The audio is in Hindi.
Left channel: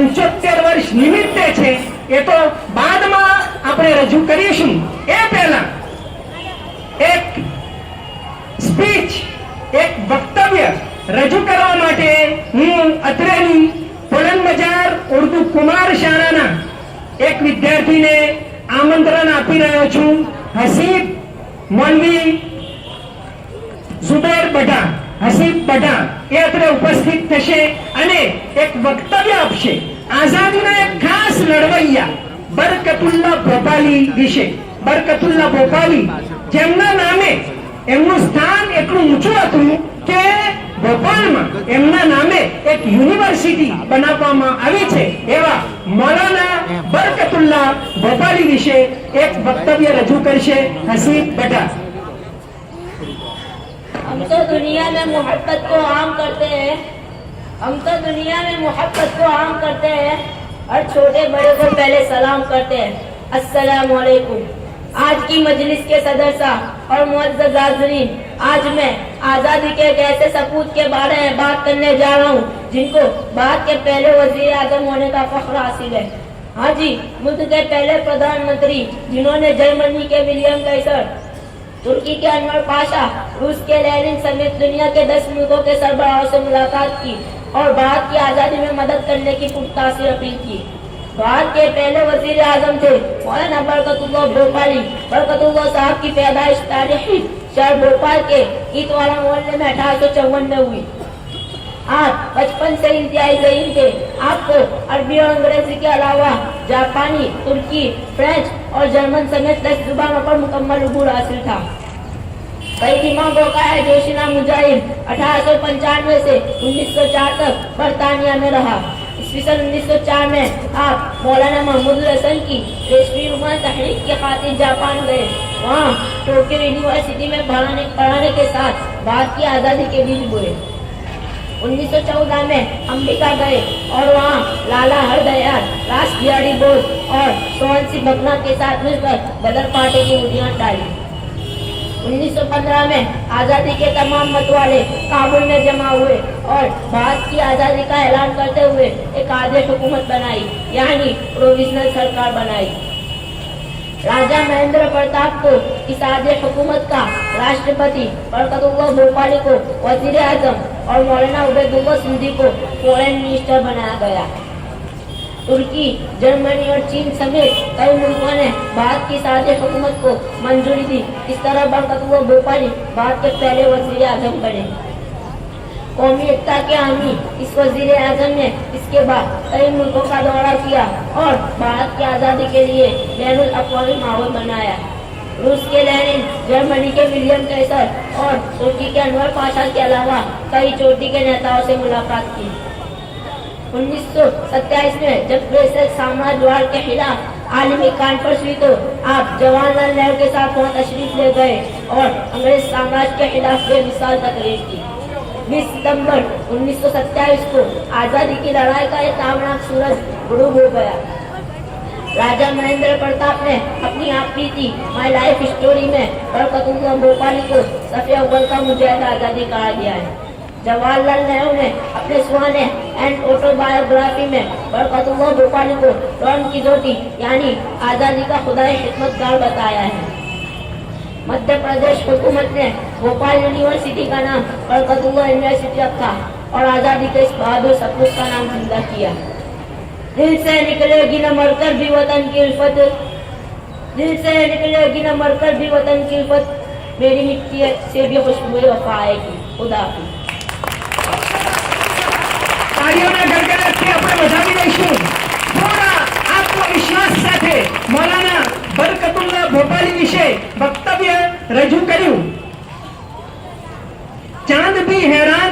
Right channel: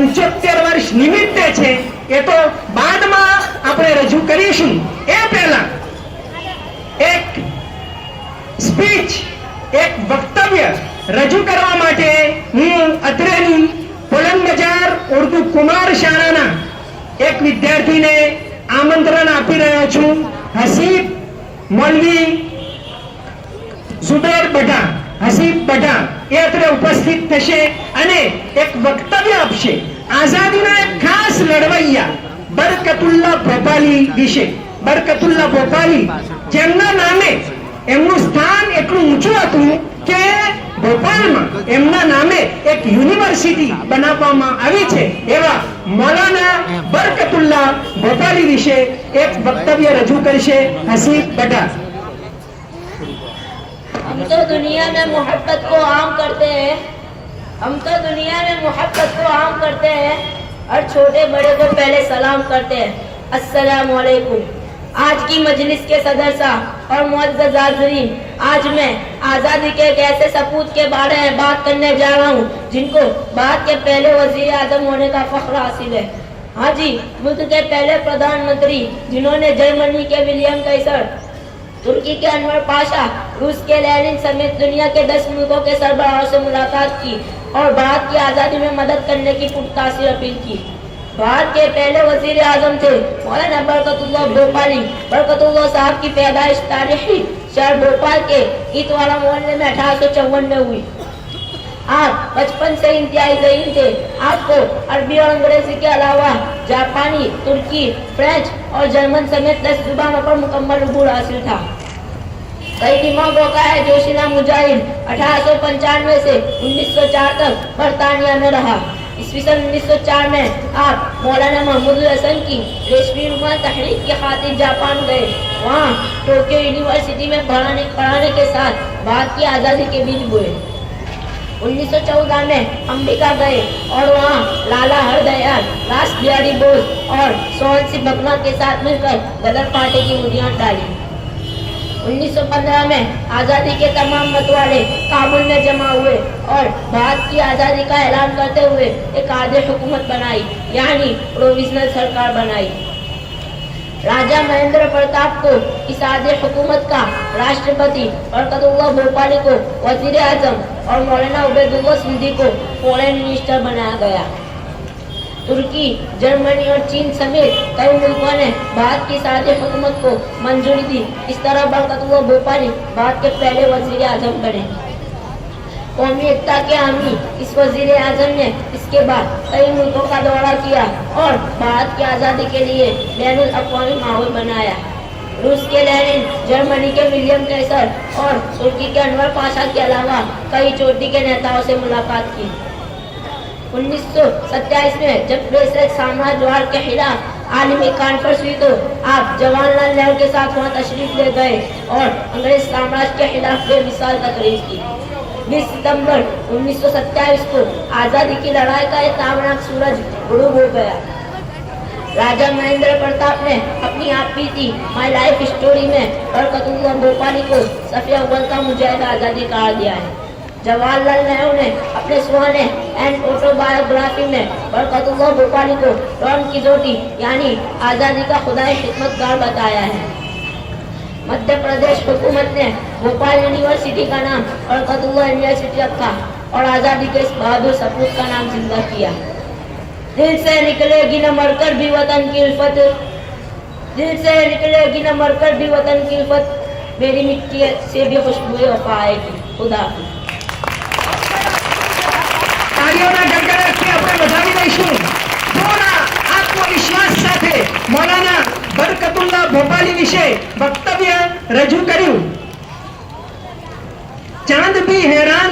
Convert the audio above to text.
75 વર્ષ નિમિત્તે છે એ તો બાદમાં આપણે રજૂ કરીશું। એ પહેલા એક સ્પીચ એક વક્તવ્ય રજૂ કરવા માટે હું અત્રેની પોલન બજાર ઉર્દુ કુમાર શાળાના એક વિદ્યાર્થીને આમંત્રણ આપી રહ્યો છું। હસીબ મૌલવી ઝુબેર બઢા હસીબ બઢા એ અત્રે ઉપસ્થિત થશે અને એક વક્તવ્ય આપશે આઝાદીના એક ખાસ લડવૈયા બરકતુલ્લા ભોપાલી વિશે। બરકતુલ્લા ભોપાલી જેમના નામે એમનું સ્થાન એટલું ઊંચું હતું કે ભોપાલમાં એમના નામે એક યુનિવર્સિટી બનાવવામાં આવી છે। એવા મૌલાના બરકતુલ્લા ભોપાલી વિશે એક વક્તવ્ય રજૂ કરશે હસીબ બઢા। हम तो दुनिया में मोहब्बत को आम करते हैं, हम तो दुनिया में मोहब्बत को आम करते हैं और छोटे बड़े को पहले सलाम करते हैं, अस्सलाम वालेकुम। आज की मजलिस के सदर साहब और मुअज़्ज़ज़ हाज़रीन, आज मैं आज़ादी के एक ऐसे सपूत के बारे में बात करने जा रहा हूँ जिनको भारत के पहले वज़ीर आज़म होने का फख्र हासिल है। हाँ जी, मुल्क के पहले प्रधानमंत्री जिन्होंने जर्मनी के विलियम काइसर, तुर्की के अनवर पाशा, रूस के लेनिन समेत दुनिया के 10 मुल्कों के सरबराहों से मुलाकात की और भारत की आज़ादी में मदद करने की पुरतासीर अपील की। भारत के पहले वजीर आजम थे मौलाना बरकतुल्लाह भोपाली। बरकतुल्लाह साहब की पैदाइश तारीखी शहर भोपाल के ईतवाला मोहल्ले में 1854 में हुई। आप बचपन से इंतहाई ज़हीन थे। आपको अरबी और अंग्रेजी के अलावा जापानी, तुर्की, फ्रेंच और जर्मन समेत 10 जुबानों पर मुकम्मल अबूर हासिल था। कई दिमागों का है जोशीला मुजाहिद 1895 से 1904 तक बरतानिया में रहा। ईस्वी सन 1904 में आप मौलाना महमूद हसन की रेशमी रुमाल तहरीक की खातिर जापान गए। वहाँ टोक्यो यूनिवर्सिटी में पढ़ाने के साथ भारत की आज़ादी के बीज बोए। 1914 में अमेरिका गए और वहाँ लाला हरदयाल, रास बिहारी बोस और सोहन सिंह भकना के साथ मिलकर गदर पार्टी की बुनियाद डाली। 1915 में आज़ादी के तमाम मतवाले काबुल में जमा हुए और भारत की आज़ादी का ऐलान करते हुए एक आदेश हुकूमत बनाई, यानी प्रोविजनल सरकार बनाई। राजा महेंद्र प्रताप को इस आदेश हुकूमत का राष्ट्रपति, बरकतुल्लाह भोपाली को वजीर आजम और मौलाना उबैदुल्लाह सिंधी को फॉरेन मिनिस्टर बनाया गया। तुर्की, जर्मनी और चीन समेत कई मुल्कों ने भारत की सादे हुकूमत को मंजूरी दी। इस तरह बरकतुल्लाह भोपाली भारत के पहले वजीर आजम बने। कौमी एकता के हामी इस वजीर आजम ने इसके बाद कई मुल्कों का दौरा किया और भारत की आज़ादी के लिए बैनुल अक़वामी माहौल बनाया। रूस के लेनिन, जर्मनी के विलियम काइसर और तुर्की के अनवर पाशा के अलावा कई चोटी के नेताओं से मुलाकात की। 1927 में जब ब्रिटिश साम्राज्यवाद के खिलाफ आलमी कॉन्फ्रेंस हुई तो आप जवाहरलाल नेहरू के साथ वहाँ तशरीफ ले गए और अंग्रेज साम्राज्य के खिलाफ बेमिसाल तकरीर की। 20 सितंबर 1927 को आज़ादी की लड़ाई का एक तामनाक सूरज गुरूब हो गया। राजा महेंद्र प्रताप ने अपनी आप बीती माई लाइफ स्टोरी में बरकतुल्लाह भोपाली को सफ़े अव्वल का मुजाहिद आज़ादी करार दिया है। जवाहरलाल नेहरू ने अपने सुहाने एंड ऑटोबायोग्राफी में बरकतुल्लाह भोपाली को डॉन कीजोटी यानी आज़ादी का खुदाई खिदमतगार बताया है। मध्य प्रदेश हुकूमत ने भोपाल यूनिवर्सिटी का नाम बरकतुल्लाह यूनिवर्सिटी रखा और आज़ादी के इस बहादुर सपूत का नाम जिंदा किया। दिल से निकलेगी न मरकर भी वतन की उल्फत, दिल से निकलेगी न मरकर भी वतन की उल्फत, मेरी मिट्टी से भी खुशबू वफा आएगी। खुदा हाफिज़। તાળીઓના ગડગડાટથી આપણે વધાવી દઈશું। થોડા આત્મવિશ્વાસ સાથે મૌલાના બરકતુલ્લાહ ભોપાલી વિશે વક્તવ્ય રજૂ કર્યું। ચાંદ ભી हैरान